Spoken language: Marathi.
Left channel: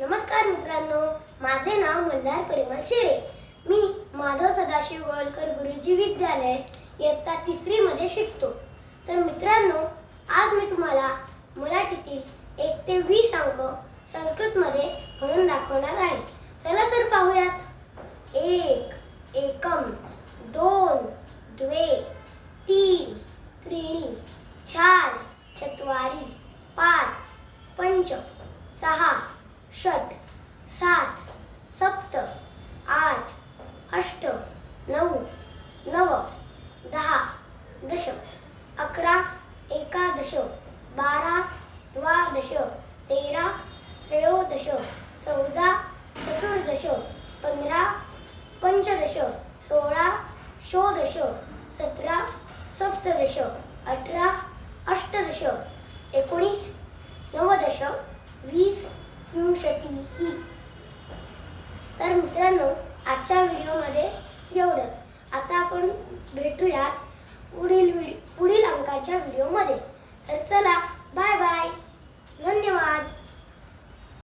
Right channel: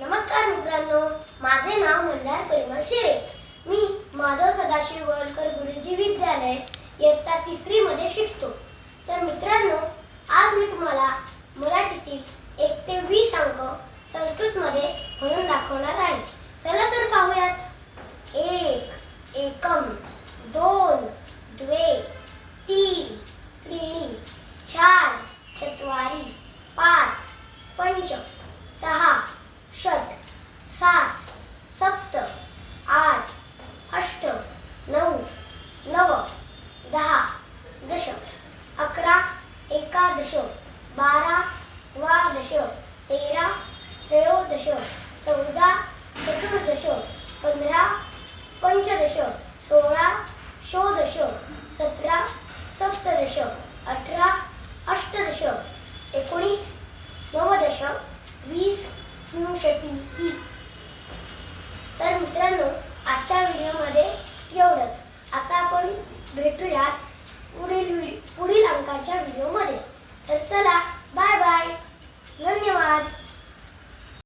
नमस्कार मित्रांनो माझे नाव मल्हार परिमल शिरे. मी माधव सदाशिव गोलकर गुरुजी विद्यालय इयत्ता तिसरी मध्ये शिकतो. तर मित्रांनो आज मी तुम्हाला मराठीतील एक ते वीस अंक संस्कृतमध्ये म्हणून दाखवणार आहे. चला तर पाहूयात. एक एकम दोन द्वे तीन त्रिणी चार चत्वारी पाच पंच सहा नऊ नव दहा दश अकरा एकादश बारा द्वादश तेरा त्रयोदश चौदा चतुर्दश पंधरा पंचदश सोळा षोडश सतरा सप्तदश अठरा अष्टदश एकोणीस नवदश वीस विंशतिः तर मित्रांनो आजच्या व्हिडिओमध्ये एवढंच. आता आपण भेटूयात पुढील व्हिडिओ पुढील अंकाच्या व्हिडिओमध्ये. तर चला